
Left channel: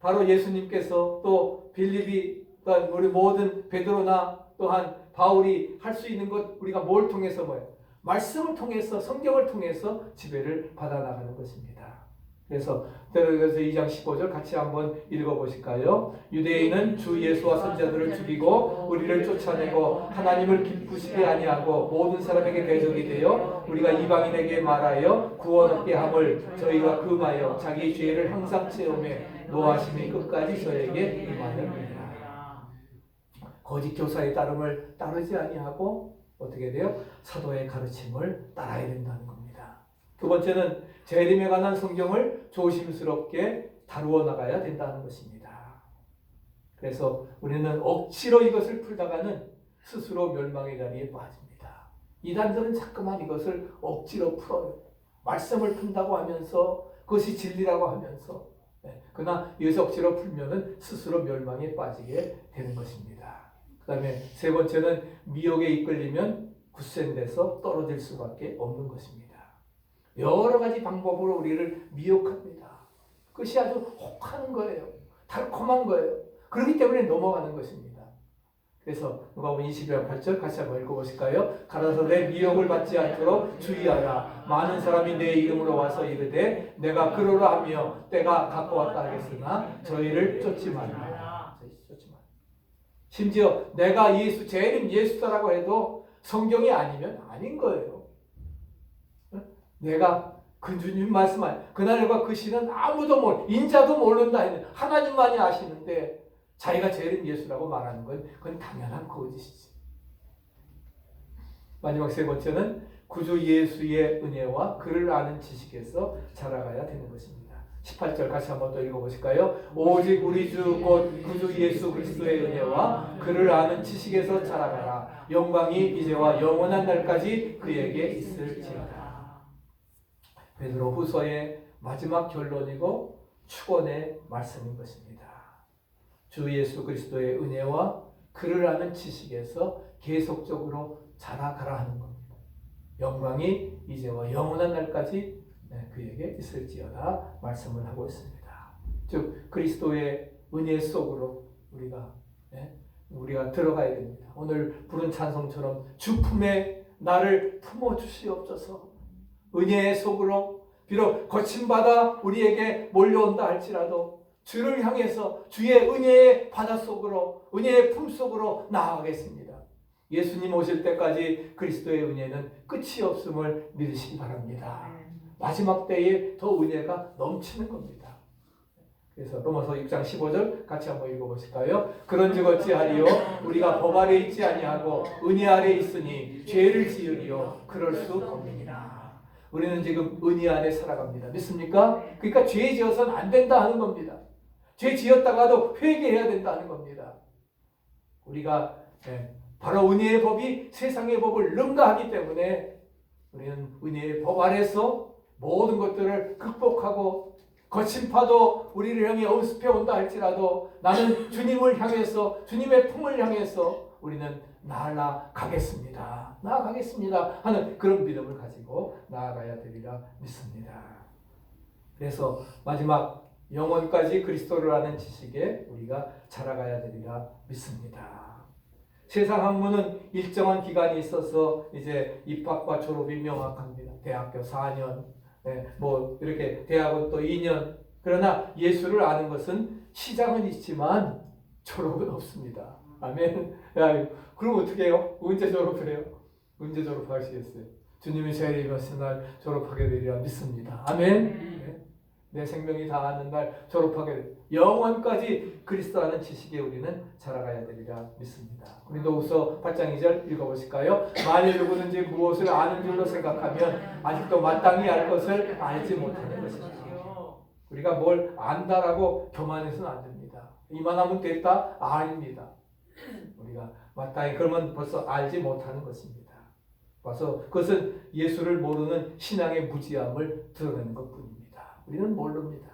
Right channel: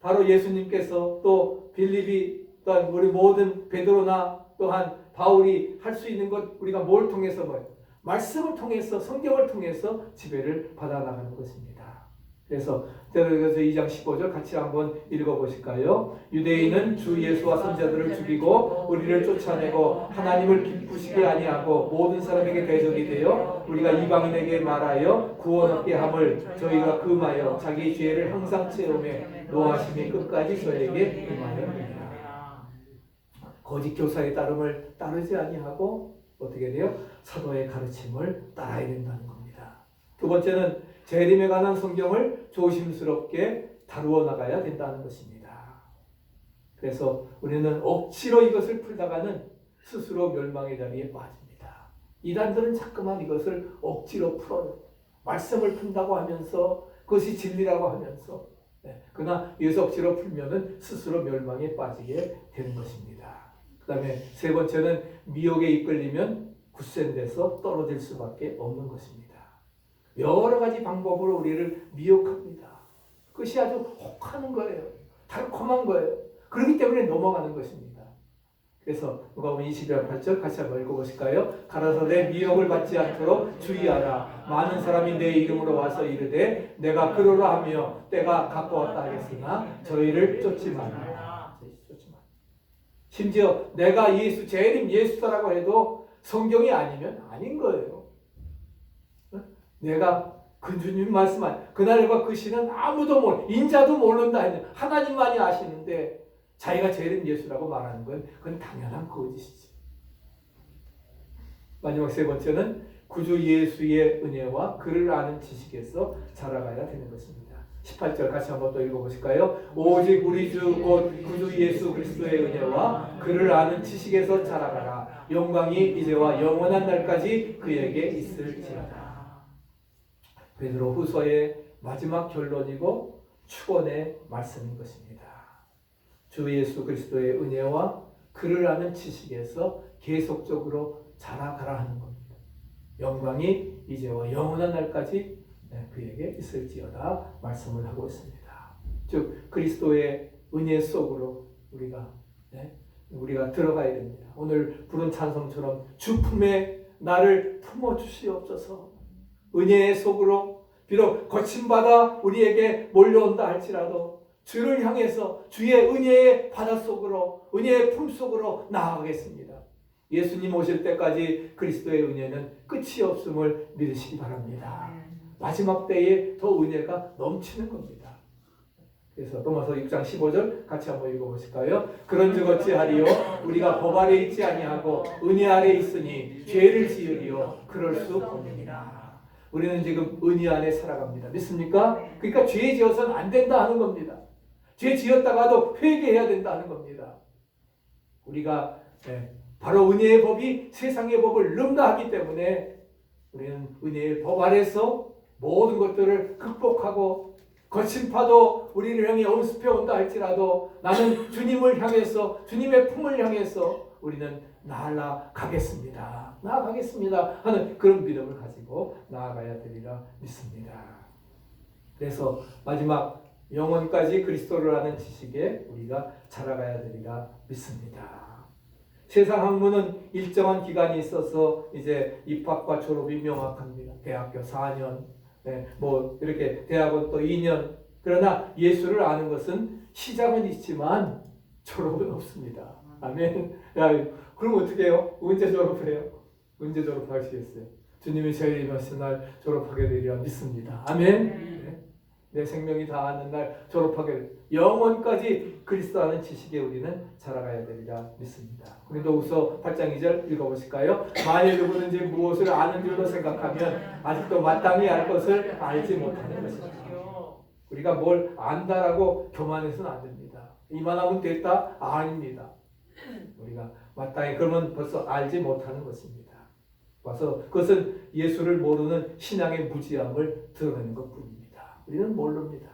바로 예수님께서 또 빌립이 또한 우리 모든 베드로나 또한 바울이 할 수 있는 것 우리가 뭘 통해서 뭐예요? 말씀을 통해서 성경을 통해서 지배를 받아나가는 것입니다. 그래서 2장 15절 같이 한번 읽어보실까요? 유대인은 주 예수와 선자들을 죽이고 우리를 쫓아내고 하나님을 기쁘시게 아니하고 모든 사람에게 대적이 되어 우리가 이방인에게 말하여 구원 얻게 함을 저희가 금하여 자기 죄를 항상 채우며 노하심이 끝까지 저에게 금하였느니라. 거짓 교사의 따름을 따르지 아니하고 어떻게 돼요? 사도의 가르침을 따라야 된다는 겁니다. 두 번째는 재림에 관한 성경을 조심스럽게 다루어 나가야 된다는 것입니다. 그래서 우리는 억지로 이것을 풀다가는 스스로 멸망의 자리에 빠집니다. 이단들은 자꾸만 이것을 억지로 풀어요. 말씀을 푼다고 하면서 그것이 진리라고 하면서 그러나 이것을 억지로 풀면은 스스로 멸망에 빠지게 되는 것입니다. 그 다음에 세 번째는 미혹에 이끌리면 굳센 데서 떨어질 수밖에 없는 것입니다. 여러 가지 방법으로 우리를 미혹합니다. 그것이 아주 혹하는 거예요. 달콤한 거예요. 그렇기 때문에 넘어가는 것입니다. 그래서 누가복음 22장 8절 같이 한번 읽어보실까요? 가라사대 미혹을 받지 않도록 주의하라. 많은 사람이 내 이름으로 와서 이르되 내가 그러라 하며 때가 가까웠다 하겠으나 저희를 쫓지 말라. 심지어 내가 제 이름 예수다라고 해도 성경이 아니면 아닌 거예요. 내가 그 주님 말씀한 그날과 그 시는 아무도 인자도 모른다 했는데 하나님만이 아시는데 자기가 제 이름 예수라고 말하는 건 그건 당연한 거짓이지. 마지막 세 번째는 구주 예수의 은혜와 그를 아는 지식에서 자라가야 되는 것입니다. 18절 같이 한번 또 읽어보실까요? 오직 우리 주 곧 구주 예수 그리스도의 은혜와 그를 아는 지식에서 자라가라. 영광이 이제와 영원한 날까지 그에게 있을지어다. 베드로 후서의 마지막 결론이고 축원의 말씀인 것입니다. 주 예수 그리스도의 은혜와 그를 아는 지식에서 계속적으로 자라가라 하는 겁니다. 영광이 이제와 영원한 날까지 그에게 있을지어다 말씀을 하고 있습니다. 즉 그리스도의 은혜 속으로 우리가 들어가야 됩니다. 오늘 부른 찬송처럼 주 품에 나를 품어 주시옵소서. 은혜의 속으로 비록 거친 바다 우리에게 몰려온다 할지라도 주를 향해서 주의 은혜의 바다 속으로 은혜의 품 속으로 나아가겠습니다. 예수님 오실 때까지 그리스도의 은혜는 끝이 없음을 믿으시기 바랍니다. 마지막 때에 더 은혜가 넘치는 겁니다. 그래서 로마서 6장 15절 같이 한번 읽어보실까요? 그런즉 어찌하리요? 우리가 법 아래 있지 아니하고 은혜 아래 있으니 죄를 지으리요? 그럴 수 없느니라. 우리는 지금 은혜 안에 살아갑니다. 믿습니까? 그러니까 죄 지어서는 안 된다 하는 겁니다. 죄 지었다가도 회개해야 된다 하는 겁니다. 우리가 바로 은혜의 법이 세상의 법을 능가하기 때문에 우리는 은혜의 법 아래서 모든 것들을 극복하고 거친 파도 우리를 향해 엄습해 온다 할지라도 나는 주님을 향해서 주님의 품을 향해서 우리는 나아가겠습니다 하는 그런 믿음을 가지고 나아가야 되리라 믿습니다. 그래서 마지막 영원까지 그리스도를 아는 지식에 우리가 자라가야 되리라 믿습니다. 세상 학문은 일정한 기간이 있어서 이제 입학과 졸업이 명확합니다. 대학교 4년, 이렇게 대학은 또 2년. 그러나 예수를 아는 것은 시작은 있지만 졸업은 없습니다. 아멘. 그럼 어떻게 해요? 언제 졸업을 해요? 언제 졸업하시겠어요? 주님이 저희를 임하신 날 졸업하게 되리라 믿습니다. 아멘. 내 생명이 다하는 날 졸업하게 영원까지 그리스도라는 지식에 우리는 자라가야 되리라 믿습니다. 고린도후서 8장 2절 읽어보실까요? 만일 누구든지 무엇을 아는 줄로 생각하면 아직도 마땅히 알 것을 알지 못하는 것입니다. 우리가 뭘 안다라고 교만해서는 안 됩니다. 이만하면 됐다? 아닙니다. 우리가 마땅히 그러면 벌써 알지 못하는 것입니다. 와서 그것은 예수를 모르는 신앙의 무지함을 드러내는 것뿐입니다. 우리는 모릅니다.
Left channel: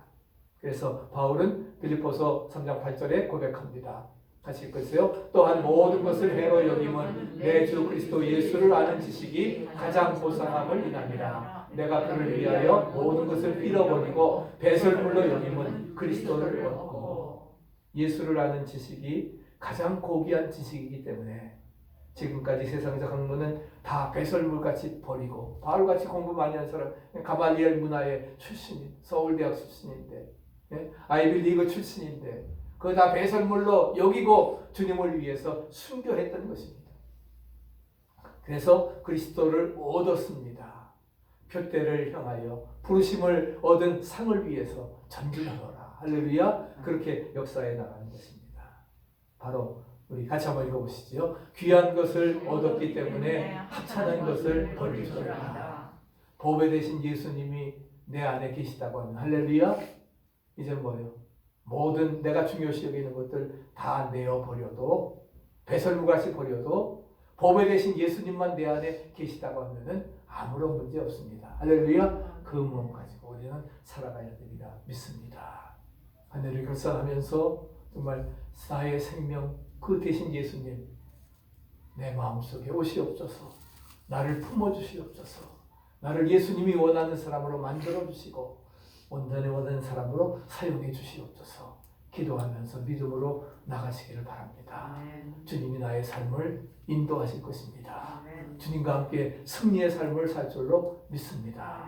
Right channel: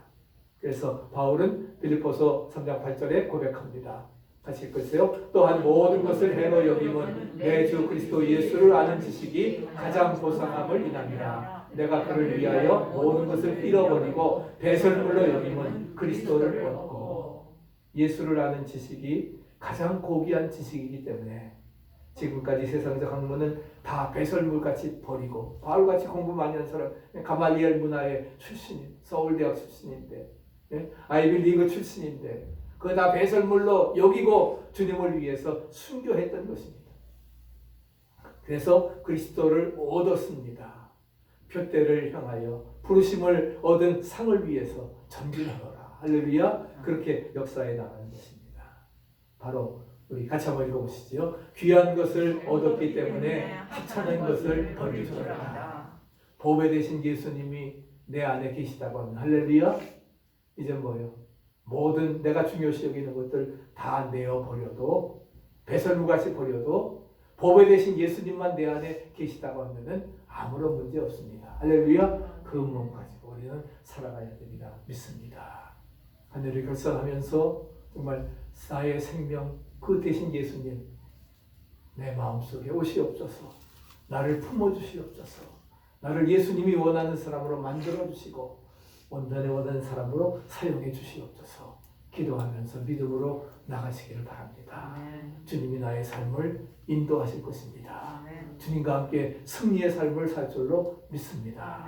그래서 바울은 빌립보서 3장 8절에 고백합니다. 같이 읽으세요. 또한 모든 것을 해로 여김은 내 주 그리스도 예수를 아는 지식이 가장 보상함을 인함이라. 내가 그를 위하여 모든 것을 잃어버리고 배설물로 여김은 그리스도를 얻고. 예수를 아는 지식이 가장 고귀한 지식이기 때문에 지금까지 세상적 학문은 다 배설물같이 버리고 바울같이 공부 많이 한 사람 가말리엘 문화의 출신인 서울대학 출신인데 아이비리그 출신인데 그거 다 배설물로 여기고 주님을 위해서 순교했던 것입니다. 그래서 그리스도를 얻었습니다. 표대를 향하여 부르심을 얻은 상을 위해서 전진하노라. 할렐루야. 그렇게 역사에 나가는 것입니다. 바로 우리 같이 한번 읽어보시죠. 귀한 것을 얻었기 때문에 하찮은 것을 버리소이다. 보배 되신 예수님이 내 안에 계시다고 하는 할렐루야. 이제 뭐예요? 모든 내가 중요시 여기는 것들 다 내어버려도 배설물같이 버려도 보배 되신 예수님만 내 안에 계시다고 하면 아무런 문제 없습니다. 할렐루야. 그 몸 가지고 우리는 살아가야 되리라 믿습니다. 하늘을 결산하면서 정말 나의 생명 그 대신 예수님 내 마음속에 오시옵소서. 나를 품어주시옵소서. 나를 예수님이 원하는 사람으로 만들어주시고 온전히 원하는 사람으로 사용해 주시옵소서. 기도하면서 믿음으로 나가시기를 바랍니다. 주님이 나의 삶을 인도하실 것입니다. 주님과 함께 승리의 삶을 살 줄로 믿습니다.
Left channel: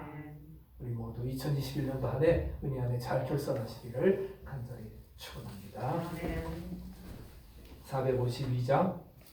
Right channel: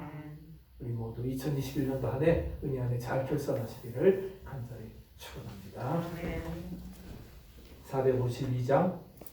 우리 모두 2021년도 한 해 은혜 안에 잘 결산하시기를 간절히 축원합니다. 452장